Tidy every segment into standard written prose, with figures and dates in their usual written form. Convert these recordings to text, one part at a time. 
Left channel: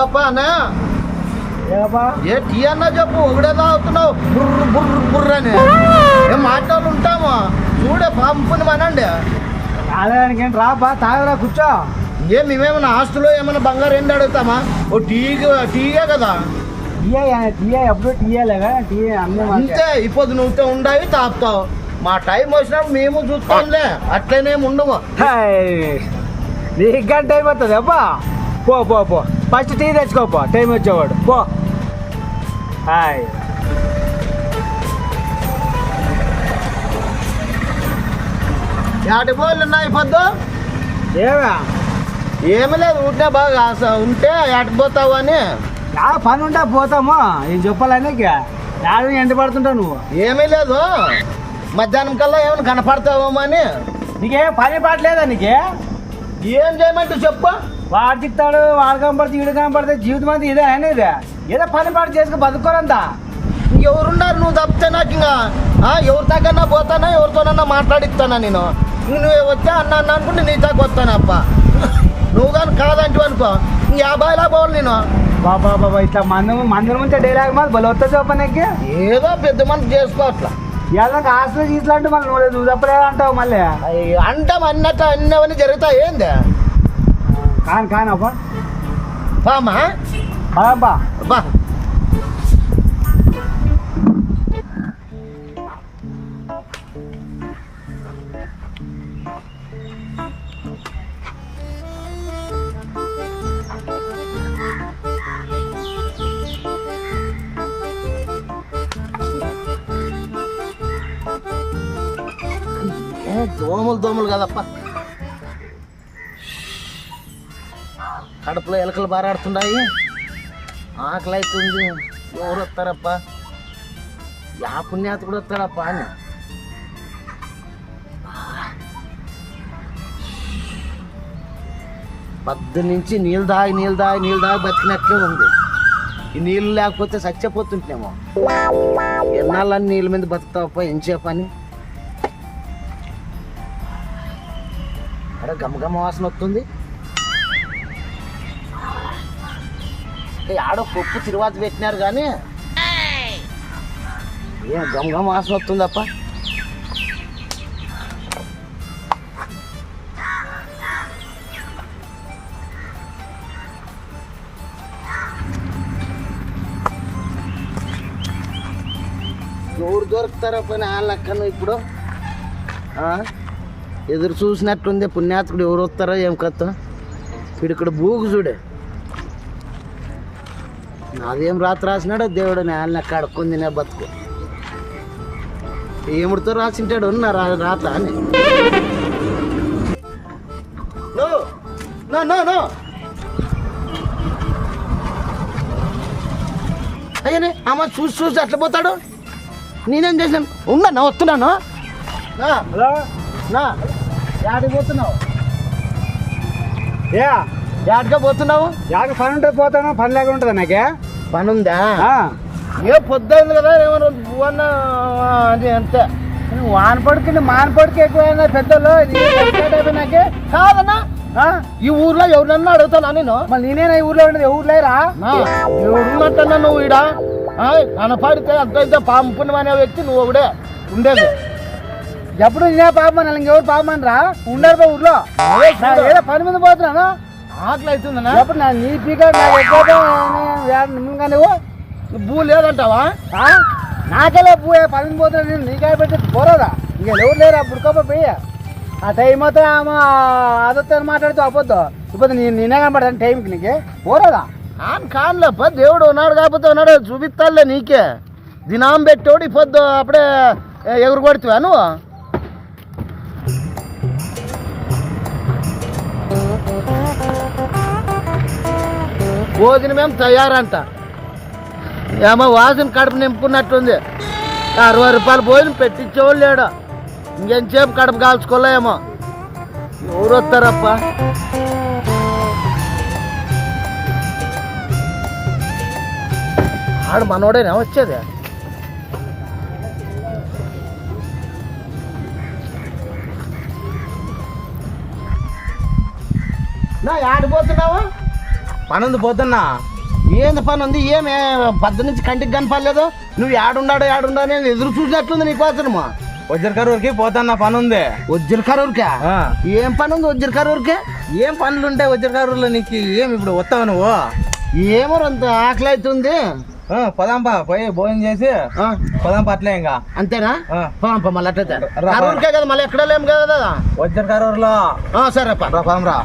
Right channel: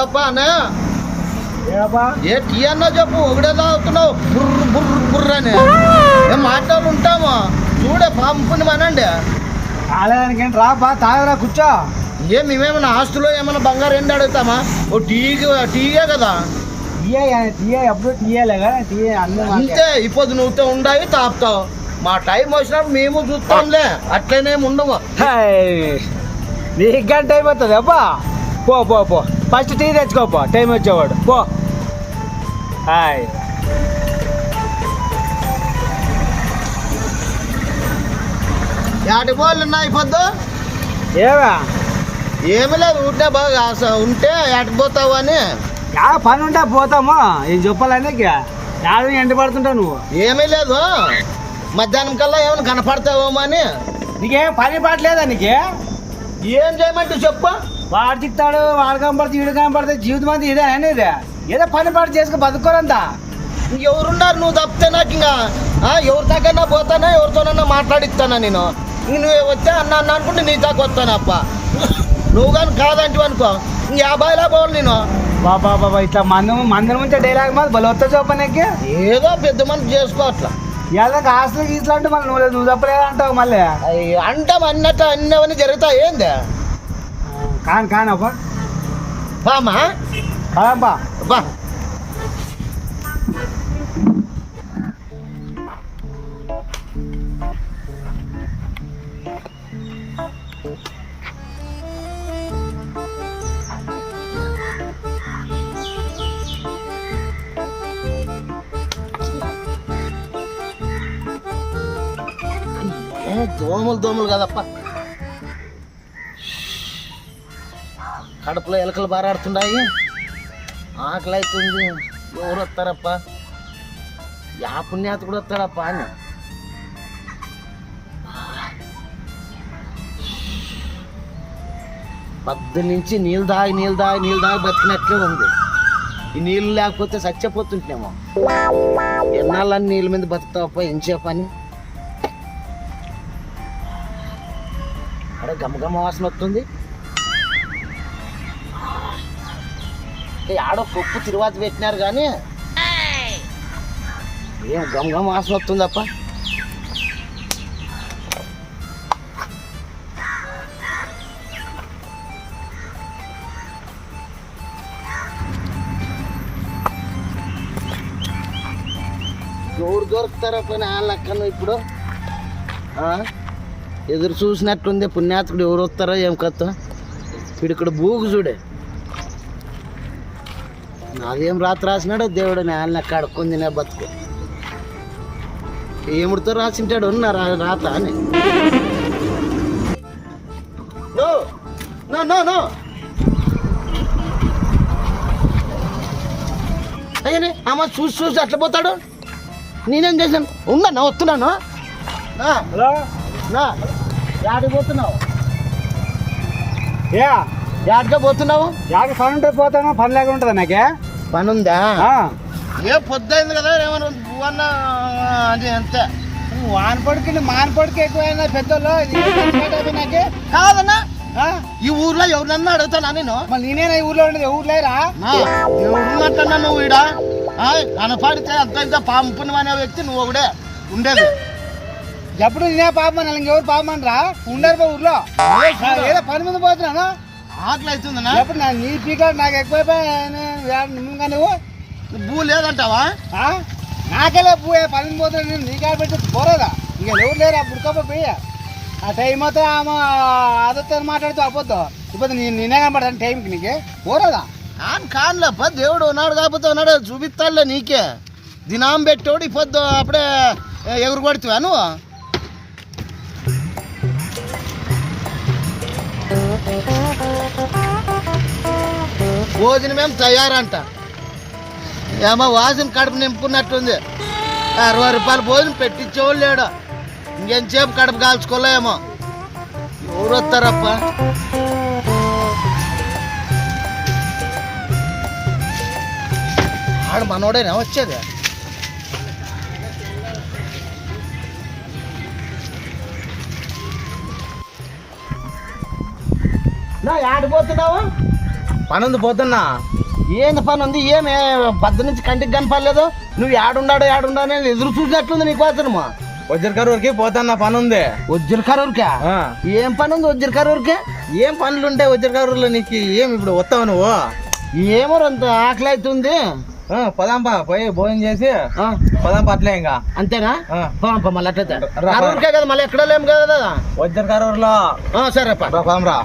ఏపా అనే ఏపా ఏ టీ అన్నా చెప్పు ఒకటే తాగుతున్నావు బుర్ర బుర్ర బుర్ర అని ఏం మాట్లాడు ఉంటాము చూడే పంపుని మనండి తాగడానికి ఏంటి రాపా తాగరా కూర్చో. మేమేమన్నా హాస్టల్లో ఏమన్నా బంగారు ఏంటి అడుగుతామా ఓ టీగే కదా టీయే ఎప్పుడు టీయేలేగా టీ అన్నీ అంతే ఇప్పుడు నువ్వుతో ఉండాలి తాపుతావు మా టైం వచ్చినప్పుడు మేము చూస్తాంలే అట్లనేమి ఉండవు. నీకు గంట టైం అవుతుంది అబ్బా పో పో పో ఫస్ట్ టీ తెచ్చుకోపో టైం వచ్చేవాడు పో. హాయ్ యాటి పోలు ఉన్నాయి పొద్దు ఏమా ఏమి లేదు ఉంటే బాగా ఉంటే యాటికి పోతావు అని చాలా పని ఉంటే పోతాము ఏం చెప్పాలని యాడు ఎండ పడుతుంటావు నువ్వు. ఏమీ లేదు మధ్యాహ్నం కల్లా ఏమైనా కనపడతావేమో అని. నీకేం పని పాటలేదా నీకే? ఏం చేయమంటే చెప్పు. వాడు చిక్తాడు వాడు కనపడితే ఈడు కనపడితే జీవితం అంతా ఇదే అనేది ఏదో పని పాటు చేసుకుని బతుకోరంతా. ఇంకెవరున్నారు నువ్వు తప్పితే నాకు ఇంకా ఎవరి దగ్గర పోతానా ఎవరితోనన్నా మాట్లాడిస్తానా నేను ఇంక నువ్వు వచ్చా అన్న అనుకుంటే నీ దాకా వస్తానప్ప నువ్వు కానీ కాదంటూ అనుకో ఇంక 50 పోవాలి నేను. బాబా బాబా ఇట్లా మందిరం నుంచి డైలాగ్ మాది బలి వస్తా చూపనికి ఏదో పెద్ద మనసు చేసుకో అట్లా ఏదో ఆస్తులు గీసులు అంటే మళ్ళీ నువ్వు తప్పలేదు అంటావు మళ్ళీ అంటాం అన్నట్టు అన్నవన్నీ జరుగుతాయి ఏంది కానబ్బా బామా అబ్బా బా దోమలు కదప్ప కడుపులో ఎలకలు బారాడుతున్నాయి ఆకలి అవుతుంది ఎవరు వస్తారప్ప యా పుణ్యాత కూడా వస్తాడప్ప అని పద్దు నుంచి నీళ్ళు దాగి బతికినట్లే ఉంది. ఈ నీళ్ళు లేకపోతే చచ్చిపోతుంటేమో ఎన్నాళ్ళని నీళ్ళ మీద బతుకుతావప్ప ఏం చెప్పని అక్కడ గమగమ వాసన వస్తుంది. ఆడో కొప్పు తిరువాత పెట్టినారు కానీ ఏం గమగమ వాసన వస్తుందప్ప. ఎవరు దొరుకుతారప్ప వాళ్ళక్కను ఇప్పుడు ఎదురు చూసినట్టుంది పుణ్యాత్కుడు ఎవరు వస్తారో ఏం కథ ఇక్కడ బూగు చూడే నాదేం రాత్రి రాసినాడో దేవుడు నేలని కడుక్కొని తినే బతుకు ఏముడితో రాసింటాడు ఉన్న రాత అని నో అయ్యనే అమ్మ చూసి అట్లా పోతాడు. నేనేం చేశాను ఉన్నా వస్తున్నాను. హలో యాడికి పోతున్నావు? యాడికే పోతున్నావు? యాడికి పని ఉంటే పోతాను పని లేక ఉంటుంది నాకే పని ఉందా? ఏ పొద్దుంది కదా ఏమన్నా అది అంతే వానపడికి మానపడికి ఎక్కువైనా పెద్దలు నాకే కాదన్నా ఈ ఊర్లో ఎవరినన్నా అడుగుతానా నేను మళ్ళీ నేనేనా ఈ ఊర్లో ఉండేది ఎవరు లేరా ఎవరున్నట్టన్నా నువ్వు ఈడ కనపడితే అంత పంపుని అనే వ్యక్తి నువ్వు ఒకడే ఉండేది. ఎప్పుడు నేనే పాపమని ఇంకెవరు పాపమని రా ఉండరు ఊర్లో ఏదో పని మీద పోతున్నాను ఆకలి అవుతుందన్నా. ఎప్పుడు నీ పీకాడు నాకు ఎక్కువ నువ్వు భూ లేదంటావా? నాకెలా పూ పని మీద పోతున్నా నేను నీకాడ పెట్టి పోరాదా ఇంకా ఎవరు లేరు అప్పుడు పోయి ఆ టైం అయితే ఆమె అదొత్త మాట్లాడుతూ అపోద్దు ఇప్పుడు నేనే కనపడతాను టైంకి నీకే పోరాదా కానులేప్ప దేవుడు ఉన్నాడు కాకపోతే ఉన్నాడు చూపిస్తాడులే నీకే దినాం పెట్టోడు ఈ పొద్దు అప్పుడే ఎగురు కొడుతువా నువ్వు? భోజనం ఏం తయారంట ఏమో వాసన కడుపు నింపుకున్నట్టుంది. 60 రూపాయలు భోజనం పెట్టించేవాళ్ళు లేడు. ఇంకెంతసేపు కడుపు కాల్చుకోలేమో. ఎవరు వస్తారప్ప? ఆడు మనోడేనా వచ్చేది? నా ఆడిపోతున్నావా? పనుంది పోతున్నా. ఏంది పని ఉంది? ఏమే పద్దు నుంచి కంటికి కనపడలేదు? నువ్వు ఏడుండాడు ఎదురు చూసినట్లుంది నీకోసమా. వజ్రకరూరుకి పోతున్నా, పనుంది. వజ్రకరూరుకా? ఏం పని ఉంది వజ్రకరూరుకే? ఏం పనులు ఉంటాయి వజ్రకరూరులో నీకు? ఏం ఇప్పుడు వస్తావు నువ్వు? ఏమో అంత ఆకలి అవుతుంది. పదాంపా, పోయి భోజనం చేసి పదాంపా, అట్లే ఇంకా. అంతేనా? అంతేనా? మళ్ళీ అట్లయితే కరూరుకే కదా, మళ్ళీ ఎక్కడ లేము కదా వజ్రకరూరులో. సరే పదాం రా.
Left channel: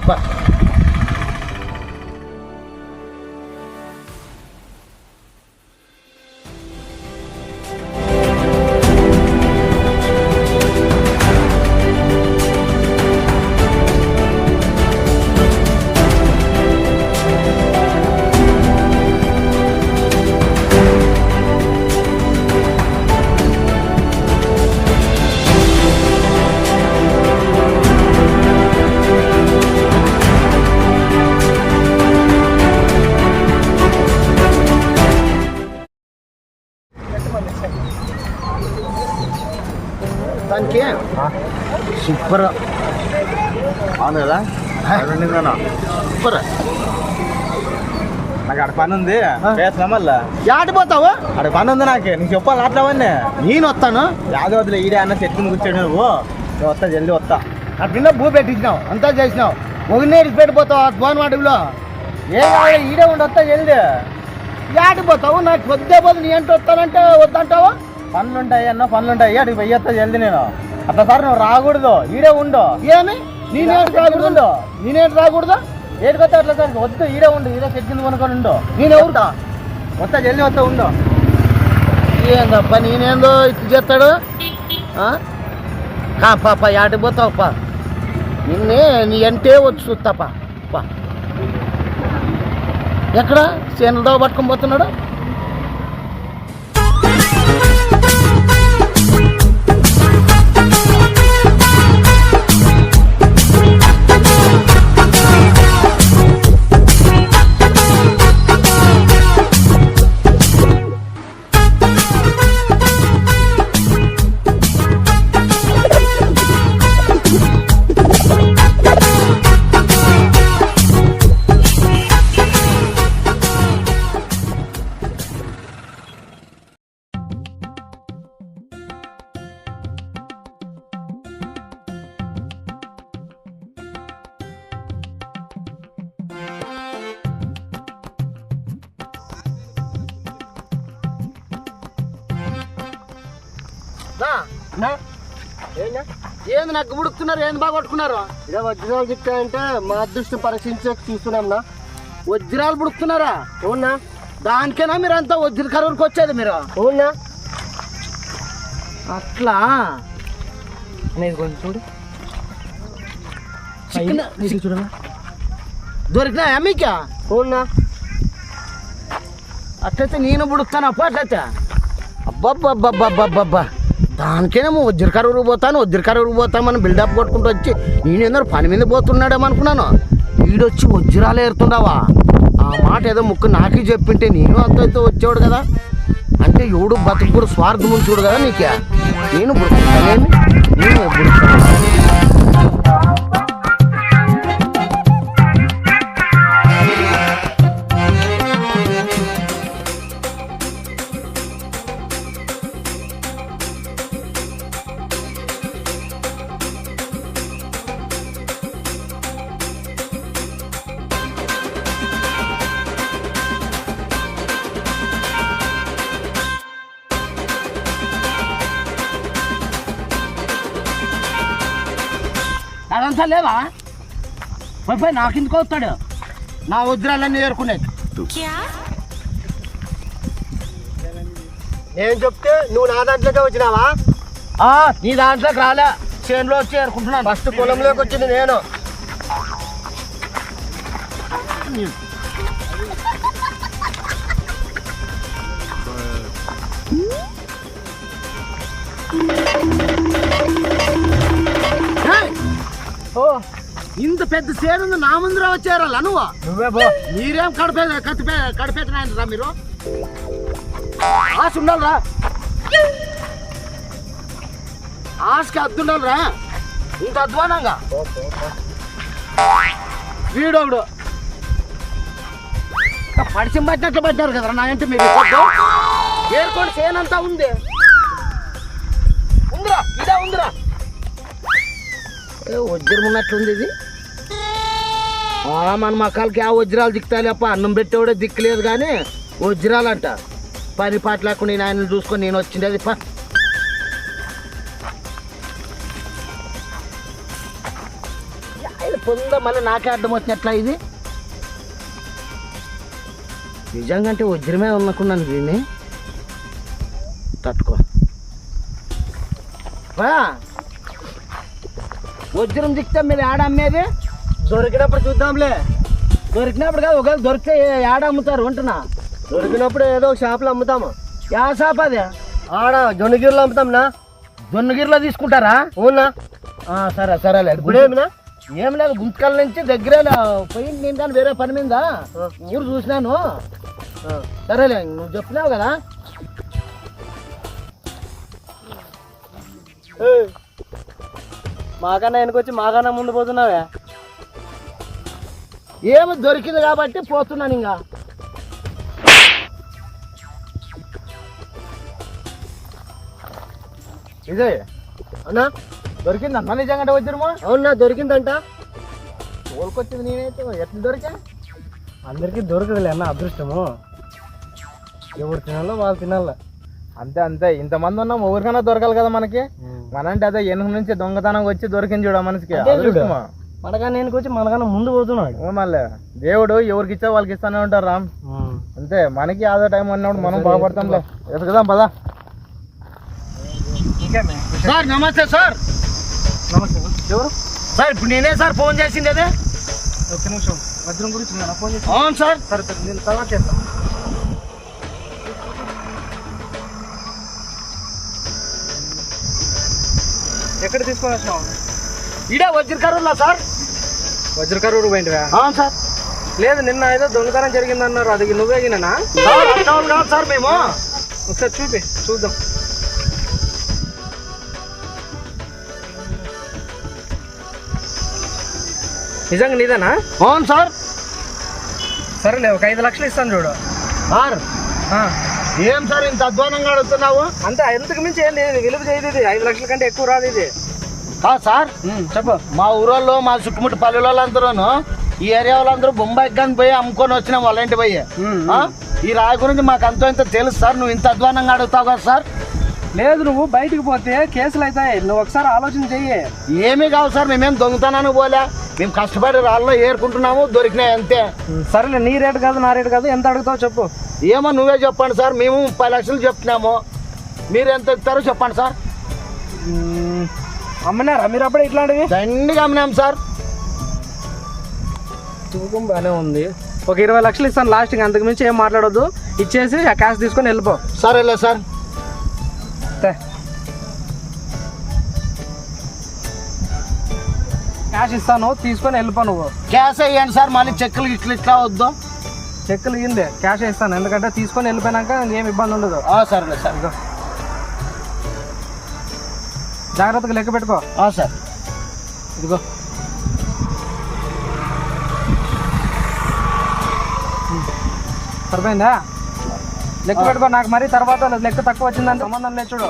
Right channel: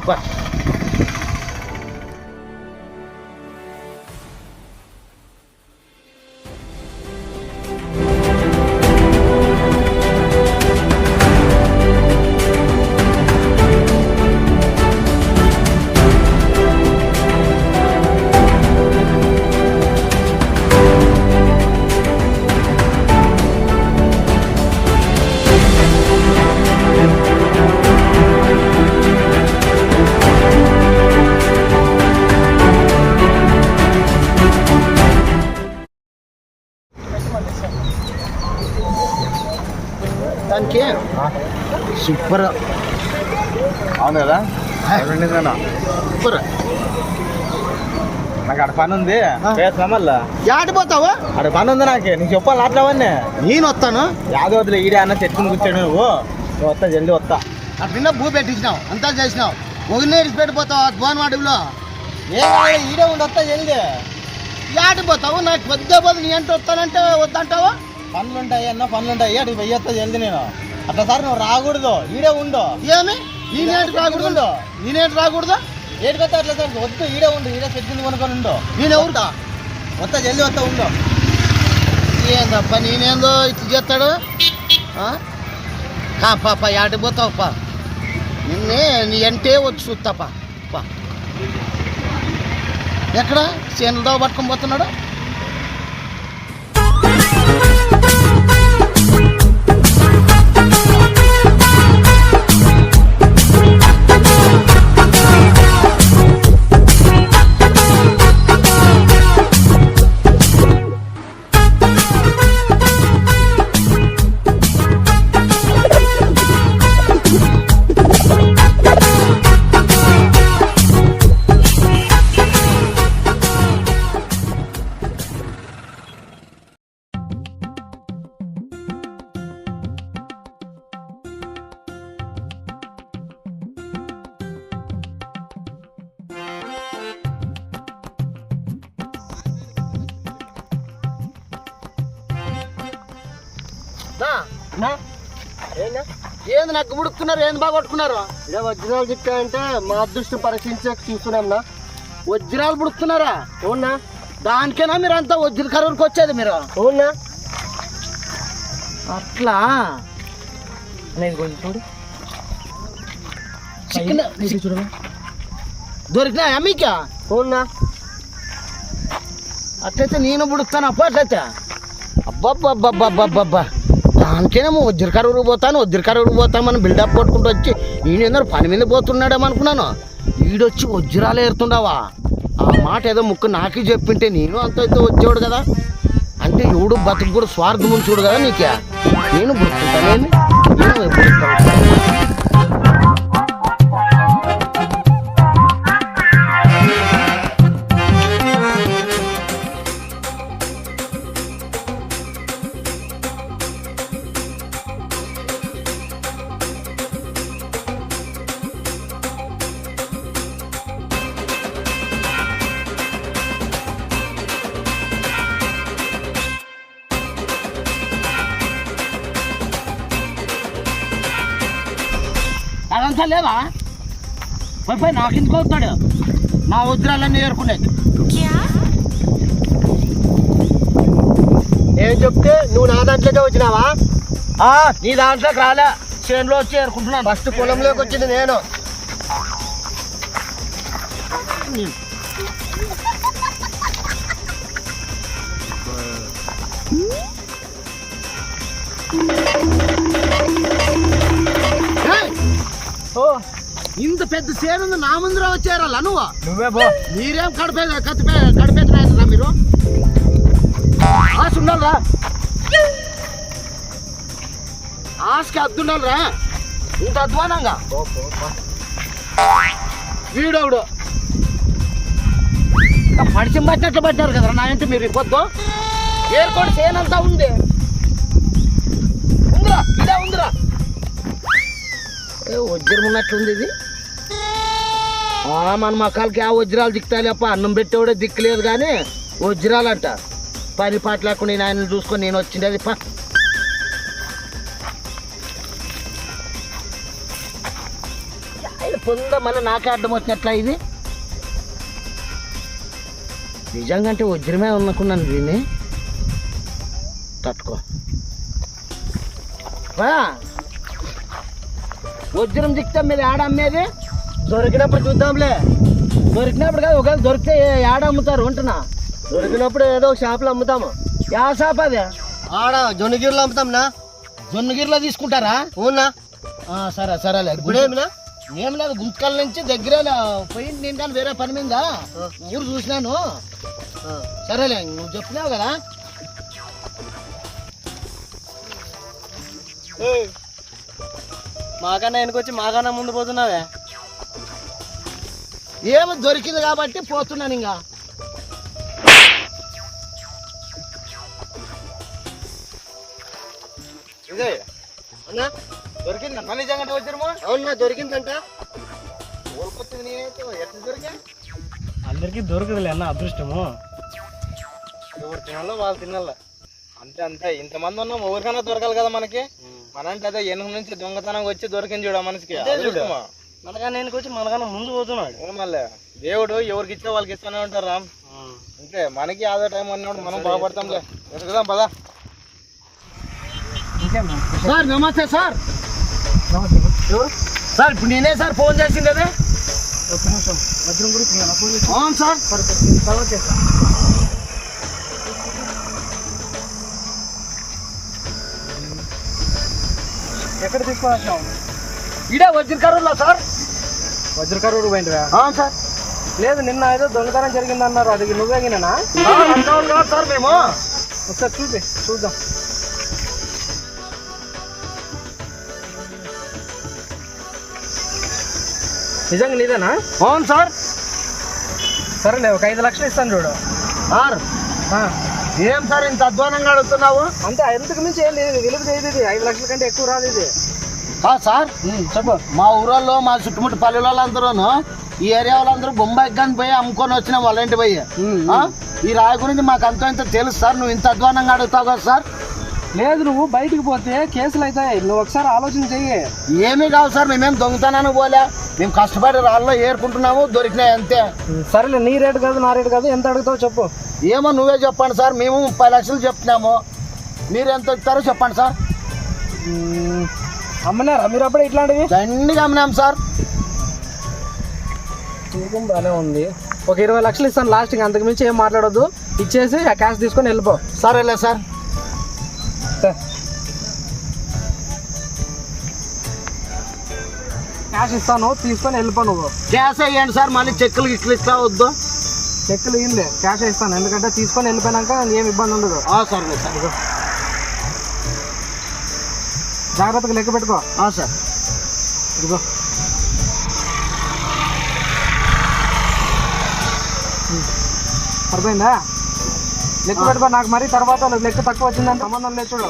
దానికి సూపర్. అవును కదా, సూపర్. నాకు అక్కడ పని ఉంది, చేస్తున్నా. మళ్ళా ఆడిపోతావు? అక్కడ పని ఉంది నాకు, నీకు చెప్పాలి అట్లవన్నీ. నేను వస్తాను. యాదో వదిలే, ఈడే అన్న చెట్టుకుని కూర్చోడు నువ్వు. వస్తా, జల్దీ వస్తా. అట్లా భూ పెట్టించినావు, అంతా చేసినావు. వదిలేసి పెట్టిపోతావు ఆ భువన్ వాటిలో. ఏం ఈడే ఉండి వస్తా జల్దీ. ఆడిపోతావు? నాకు వద్దే పోదు, నీ అంటే వస్తానంటే వద్దంటావా? పనులుంటాయి అన్న, పనులుంటాయి. అడిగి వెయ్యొస్తా జల్దీ నేను. అట్లా సార్ నువ్వు రాకూడదు, ఈడే ఉండు. ఏమి నేనేటి రాకూడదు? నేనేటి రాకూడదు? ఏడుకొస్తా అట్లా సార్, వద్దు, ఈడే ఉండు. ఈడే చెట్టు కొనుక్కొని ఉండు. నేను ఎవరుతా? వస్తా జల్దీ, వస్తా, ఉండు. ఏందప్ప నేనేందో ఇట్లా చేస్తాడు? పాప ఆడిపోతావు పా. నిన్నే నీ అంటే వచ్చి చూస్తాపా. పా ఎక్కడ చేనులతో పట్టుకొని పోతున్నాడు? ఏంది నాకు గుడుకుతున్నారు? ఏంది బాగా కొట్టుకున్నారు? ఇదే వజ్రాలు చిక్కాయంటే మా అదృష్టం పరీక్షించే చూస్తున్నాంనా. వజ్రాలు పుడుకుతున్నారా? అవునా? దానికేనా మీరు అంతా వజ్ర కరూరుకి వచ్చేది మీరు? అవునా? అట్లా అనేది కొంచెం చూడు. చికెన్ చూడనా దొరికినాయా మీకా? అవునా? అట్లయితే నేను పుడుస్తాను అప్ప. అట్లయితే అబ్బబ్బబ్బబ్బబ్బబ్బా, దానికేనేమో వజ్ర కరూరుకు పోతామని బిల్డప్ కొట్టుకుంటూ వచ్చి నేనేందో పని మీద పోతున్నాడేమో అనుకున్నాను. వీడొచ్చి వజ్రాలు ఏరుతుండవా? ఆ మాట ఏదో ముక్కు నాకే చెప్పింటే నేను అంత అయితే వచ్చేవాడు కదా. అంటే ఎవడు బతుకు కూడా స్వార్థం చూడు కదా నీకే. నేను బుడుకుంటానేమి, నేను బుడుకుతాను. అదంతా లేదా? పోయి నాకు ఇందుకు వస్తాడు నా వజ్రాలన్నీ ఏరుకునేది. ఏం చెప్తే నువ్వు నా దాంట్లోకే వచ్చినావా? నీ దాంట్లోకి రాలే, చేనులో వచ్చి ఏరుకుంటున్నాను. ఫస్ట్ పొలంలోకి వచ్చింది నేను. ఇంత పెద్ద చేను నా ముందర వచ్చారా నువ్వు? నువ్వే పో. మీరేం కడిపేసినారా మీరు? ఆశ ఉండాలరా, ఆశకి అద్దుండాలరా. ఇంత అధ్వానంగా వీడోడు పడిచి పట్టినట్లు పట్టినారు కదరా నా ఇంటి మీరు పొద్దు ఏర్కోడి చేయనంతా ఉంది ఉందిరా ఇదే ఉందిరా వజ్రం ఉన్నట్లుంది ఇది మన మకాలకి ఆ వజ్రాలు దిక్కుతాలేప్ప అన్నం పెట్టేవాడే దిక్కులేదు కానీ వజ్రాలంట పని పాట లేకుండా నేను ఆయన చూసుకొని నేను వచ్చిండేది పా ఆయన పొంద మళ్ళీ నాకే అడ్డం వచ్చినట్లా ఇది నిజంగా అంటే వజ్రమే అనుకున్నాను దీన్ని తట్టుకో వజ్రం దిక్తే మీరు ఆడ అమ్మేది దొరికినప్పుడు చూద్దాంలే. దొరికినప్పుడు కాదు ఒకవేళ దొరికితే ఆడ అమ్ముతారు అంటున్నా దొరికినప్పుడు ఏదో ఒక షాప్లో అమ్ముతాము. యా షాప్ అది ఆడ జొన్నగిరిలో అమ్ముతాంనా? జొన్నగిరిలో తీసుకుంటారా? అవునా? సరే సరేలే. ఇప్పుడేమినా? ఏం లేదు గుంతకల్ నుంచి దగ్గరే పోయి నేను కానీ వేరే పని మీద ఊరు చూసినాను. సరేలే నువ్వు చెప్పినావు కదా. మాకన్నా వెనకొచ్చి మాకన్నా ముందు పోతున్నావే. ఏమి దొరికింది కాబట్టి పోతున్నాను ఇంకా. ఇదే అన్నా దొరికిందన్నా నిజంగా వచ్చారు? అవునా దొరికిందంట. తోలుకొచ్చింది నేనైతే ఎట్లా దొరికా? అందరికీ దొరకదులే అన్న అదృష్టము. ఎవరు తినాలో వాళ్ళు తినాల అంతే అంతే. ఇంతమంది ఉన్నాం ఎవరికైనా దొరకాలి కదా మనకి. మనంటే అదే వెనుక నుంచి దొంగతనం వచ్చి దొరికింది చూడ మనసుకి. మనకన్నా నేను వచ్చి మనకన్నా ముందు పోతున్నాడు. మళ్ళీ దేవుడు ఎవరికి ఇచ్చా వాళ్ళకి ఇస్తానే ఉంటారు రామ్. అంతే మనకి ఆదో టైం అన్నప్పుడు మనం బాగుపడతాంలే. ఎదుగుదాం పదా. సార్ నమస్తే సార్. నమస్తే. ఎవరు సార్ ఇప్పుడు నేనే సార్ ఫోన్ చేసింది అదే. ఒక్క నిమిషం వజ్రం గురించి ఫోన్ చేసి. అవును సార్. సరే నేను తర్వాత చేస్తాను. ఎక్కడ తీసుకొని వచ్చినావు? ఇడే వజ్రకరులా సార్. వజ్రకరూరు పోయింటివా? అవును సార్. లేదు నిన్న ఏదో దొంగతనం జరిగిందన్నారు. అది నువ్వేగినా? సార్ మేము ఒకసారి చూద్దాం. నిజంగా నీదేనా? అవును సార్. సరేలే ఒక 5 లక్షలు ఇస్తాను చూడు. సార్ ఏం సార్ ఇంత అధ్వానంగా అడుగుతున్నావు? అంతే ఎంతకు మించి ఏం లేదు. విలువ చేయదు ఇది. 5 లక్షల కంటే ఎక్కువ రాదు ఇది. సార్ చెప్పు. మా ఊరోళ్ళు మా చుట్టుముట్టు పల్లె వాళ్ళందరూ ఈ ఏరియా వాళ్ళందరూ బొంబాయి కానీ పోయి అమ్ముకొని వచ్చినాం వాళ్ళ ఇంటి పోయి. ఈ రాయి గురించి మాకు అంత ఇంత తెలుసు సార్. నువ్వు ఇంత అధ్వానంగా అడుగుతావు కదా సార్. లేదు నువ్వు బయటికి పోతే కేసులు అవుతాయి. నువ్వు ఒకసారి ఆలోచన చెయ్యి. ఏమీ కావు సార్. మేమేం దొంగతనానికి పోలే. మేము కష్టపడి రాళ్ళలో ఏరుకుంటున్నాము సరిపోయినాయి అంతే. సరేలే నీ రేటు కాదు నా రేటు కాదు. ఎంత అడుగుతావు చెప్పు. ఏమో నువ్వే చెప్పండి సార్. మేము 30 లక్షలు చెప్తున్నాము. మీరు ఎంత ఇస్తారో చెప్పండి సార్. అమ్మనారా మీరు అప్పుడే ఇట్లాంటివి? దండిగా అమ్మినాం సార్. తూకం బాగానే ఉంది. ఒక 20 లక్షలు ఇస్తాను లాస్ట్కి. అంతకు మించి ఏం మాట్లాడొద్దు. ఇచ్చేసి ఆ క్యాష్ తీసుకొని వెళ్ళిపో. సరేలే సార్. క్యాష్ ఇస్తాను తీసుకొని వెళ్ళిపో నువ్వు. క్యాష్ వేయండి సార్. మళ్ళీ చెక్కులు ఇట్లు ఇస్తా వద్దు. చెక్కులు ఇయ్యండి క్యాష్ ఇస్తాను. ఎందుకంటే తీసుకొని వెళ్ళిపోయినాక ఏం ఇబ్బంది ఉండదు. సరేలే సార్. జాగ్రత్తగా లెక్క పెట్టుకో. సార్ ఇదిగో సరిపోయిందా? లెక్క పెట్టుకో. నాకు మరి తర్వాత లెక్క తక్కువ వచ్చిందని సంబంధం లేదు చూడు.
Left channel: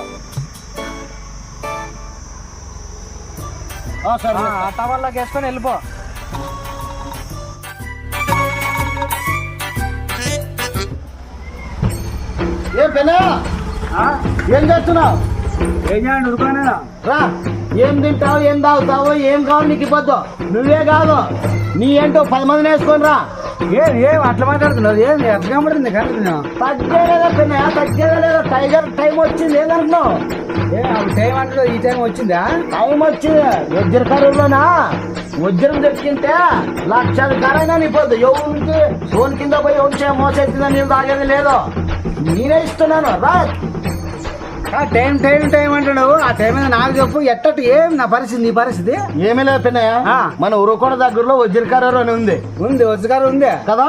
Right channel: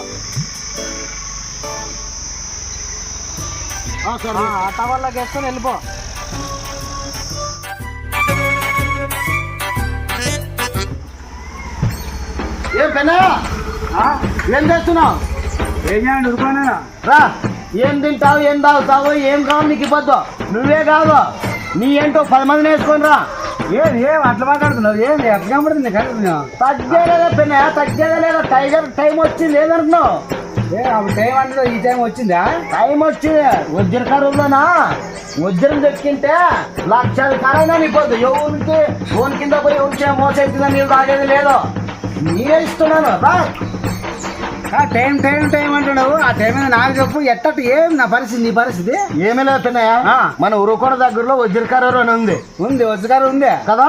ఆ టవర్లోకి వేసుకొని వెళ్ళిపో. ఏం పెన్నా ఏం చేస్తున్నావు? ఏం చేయండి ఉరుకోనే రా. ఏం తింటావు ఏం తాగుతావు ఏం కావాలి నీకు ఇవ్వద్దు. నువ్వే కాదు నీ ఏంటో 10 మందిని వేసుకొని రా. ఏం అట్లా మాట్లాడుతున్నావు? ఏం ఎట్లా కనబడుతుంది? తగ్గేదా పెన్నా? తగ్గేదా లేదా? టైం వచ్చింది లేదనుకున్నావు? టైం అంటే ఈ టైం వచ్చిందా? టైం వచ్చింది. వజ్రకరువులోనా వజ్రం దొరికింటే 1 లక్ష కారైనా నీపోద్దు. ఎవరికి ఫోన్ కింద పోయి ఎవరికి మోసం అవుతుందని నీళ్ళు తాగేది లేదు. నేనే ఇస్తున్నాను రా. టైం టైం టైం అంటున్నావు. ఆ టైం మీద నాకు చెప్పు. ఎట్టట్టు ఏం నా పరిస్థితి నీ పరిస్థితి? ఏమీ లేదు పెన్నయ్య. మన ఉరుకోడ దగ్గరలో వజ్రకరువు అని ఉంది. వజ్రకారు ఉంది కదా.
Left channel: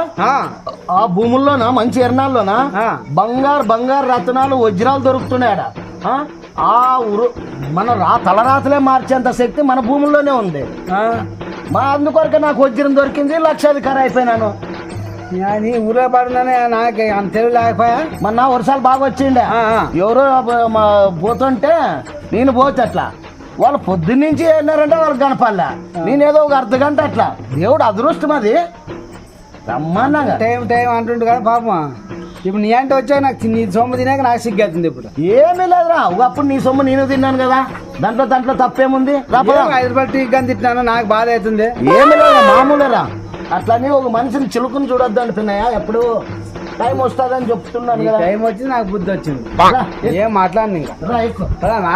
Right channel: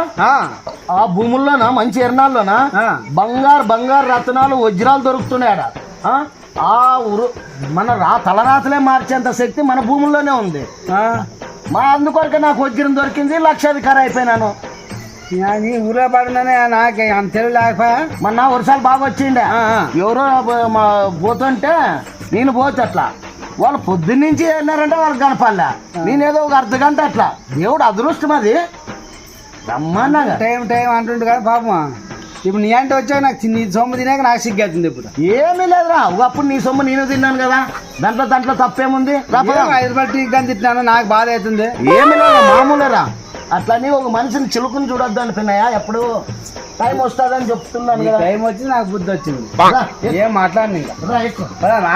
ఆ భూముల్లోనా మంచి ఎర్నాల్లోనా బంగారు రత్నాలు వజ్రాలు దొరుకుతున్నాయట. మన తలరాతలే మార్చేంత శక్తి మన భూముల్లోనే ఉంది. అందుకొరకు నాకు వజ్రం దొరికింది. 1 లక్షాధికారి అయిపోయినాను. నీ ఊళ్ళో పడున్నానే నాకు అంత తెలివి లేకపోయా. మొన్న వర్షాలు బాగా వచ్చిండే, ఎవరో పోతుంటే నేను పోతే అట్లా వాళ్ళు పొద్దున్నుంచి వెళ్ళినారంటే వాళ్ళకి కనపడలే. నేనేదో ఒక అర్ధ గంట అట్లా, దేవుడు అదృష్టం అది రమ్మన్నాగా. టైం అంటుండు కదా పాపం. ఇప్పుడు నీ అంటే వచ్చా నాకు నీ సొమ్ము తినాక నాకు సిగ్గవుతుంది. ఇప్పుడు ఏమీ లేదురా, ఒకప్పుడు నీ సొమ్ము నేను తిన్నాను కదా, దాంట్లో తప్పేముంది. 5 రూపాయలు టీ కానీ తిట్టినాను, నాకు బాధ అవుతుంది. ఏమి లేదు మామూలురా, అట్లని ఒక మనిషిని చిలుకుని చూడొద్దు అనిపినాయా. ఎప్పుడు టైం వస్తుందని చెప్తున్నాను కదా. టైం వచ్చి నాకు బుద్ధి వచ్చింది. ఏం మాట్లాడి కదనా.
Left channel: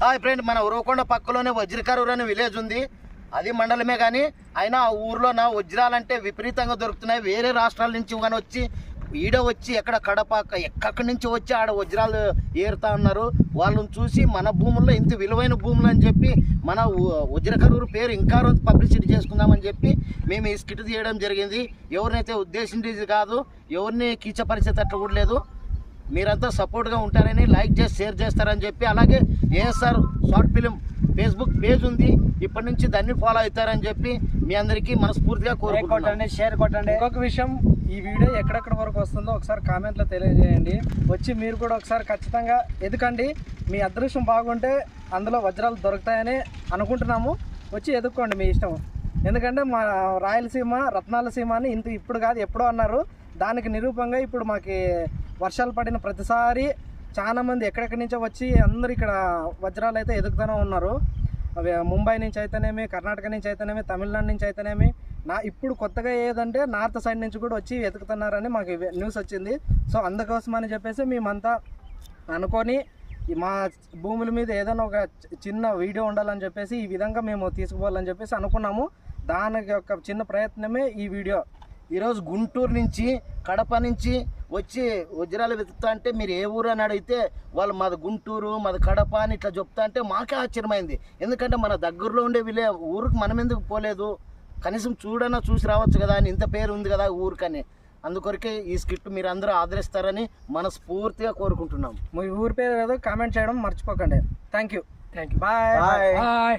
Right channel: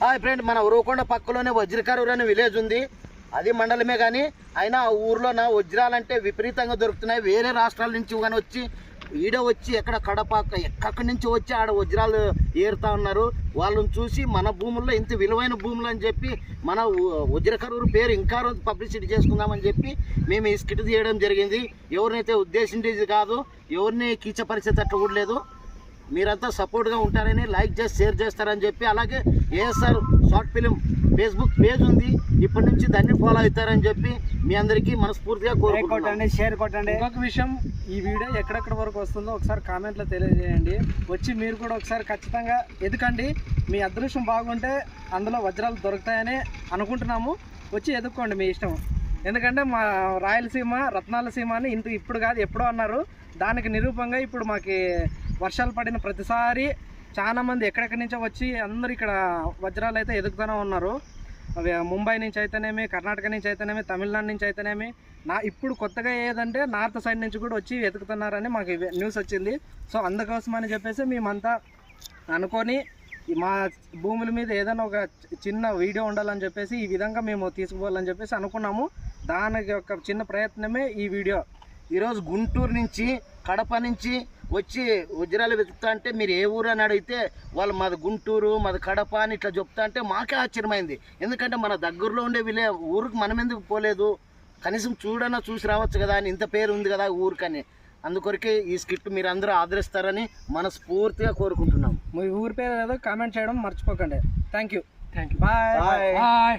హాయ్ ఫ్రెండ్, మన ఉరవకొండ పక్కలోనే వజ్రకరూరు అనే విలేజ్ ఉంది. అది మండలమే కానీ అయినా ఆ ఊర్లో నా వజ్రాలంటే విపరీతంగా దొరుకుతున్నాయి. వేరే రాష్ట్రాల నుంచి కానీ వచ్చి ఈడ వచ్చి ఎక్కడ కడప ఎక్కడి నుంచి వచ్చి ఆడ వజ్రాలు ఏరుతా ఉన్నారు. వాళ్ళని చూసి మన భూముల్లో ఇంత విలువైన భూములు అని చెప్పి మన వజ్రకరూరు పేరు ఇంకా పబ్లిసిటీ చేసుకుందామని చెప్పి మేము ఈ స్కిట్ తీయడం జరిగింది. ఎవరినైతే ఉద్దేశించేది కాదు, ఎవరిని కించపరిచేటట్లు కూడా లేదు. మీరంతా సపోర్ట్గా ఉంటారని, లైక్ చేసి షేర్ చేస్తారని చెప్పి, అలాగే ASR short film Facebook page ఉంది, ఇప్పటి నుంచి దాన్ని ఫాలో అవుతారని చెప్పి మీ అందరికీ మనస్ఫూర్తిగా కొట్టండి, షేర్ కొట్టండి. ఇంకొక విషయం, ఈ వీడియో ఎక్కడెక్కడ వరకు వస్తుందో ఒకసారి కామెంట్లో తెలియజేయండి. వచ్చి మీరు కూడా ఒకసారి ఖచ్చితంగా ఎదుకండి. మీ అదృష్టం బాగుంటే అందులో వజ్రాలు దొరుకుతాయని అనుకుంటున్నాము. వచ్చి ఎదుక్కోండి, మీ ఇష్టం. ఎందుకంటే మా రాయలసీమ రత్నాల సీమ అని ఇప్పుడు కాదు ఎప్పుడో అన్నారు. దానికి నిరూపంగా ఇప్పుడు మాకు వర్షాలు పడిన ప్రతిసారి చాలామంది ఎక్కడెక్కడి నుంచో వచ్చి అందరు ఇక్కడ వజ్రాలు అయితే ఎదుగుతూనే ఉన్నారు. అవి ముంబై నుంచి అయితేనేమి, కర్ణాటక నుంచి అయితేనేమి, తమిళనాడు నుంచి అయితేనేమి, ఇప్పుడు కొత్తగా ఏదంటే నార్త్ సైడ్ నుంచి కూడా వచ్చి వెతుకుతున్నారని మాకు న్యూస్ వచ్చింది. సో అందుకోసమని చెప్పేసి మేమంతా అనుకొని మా భూముల మీద ఏదైనా ఒక చిన్న వీడియో ఉండాలని చెప్పేసి ఈ విధంగా మేము తీసుకుపోవాలని చెప్పేసి అనుకున్నాము. దానికి ఒక చిన్న ప్రయత్నమే ఈ వీడియో. ఈరోజు గుంటూరు నుంచి, కడప నుంచి వచ్చి వజ్రాలు వెతుకుతా అంటే మీరు ఏ ఊరు అని అడిగితే వాళ్ళు మాది గుంటూరు, మాది కడప అని ఇట్లా చెప్తా అంటే మాకే ఆశ్చర్యమైంది. ఎందుకంటే మన దగ్గరలో ఉండే ఊరికి మనం ఎందుకు పోలేదు, కనీసం చూసి రావచ్చు కదా అని, ఇంత పేరు ఉంది కదా ఊరికని. అందుకొరకే ఈ స్కిట్ మీరు అందరూ ఆదరిస్తారని మనస్ఫూర్తిగా కోరుకుంటున్నాం. మీ ఊరి పేరు ఏదో కామెంట్ చేయడం మర్చిపోకండి. Thank you. బాయ్.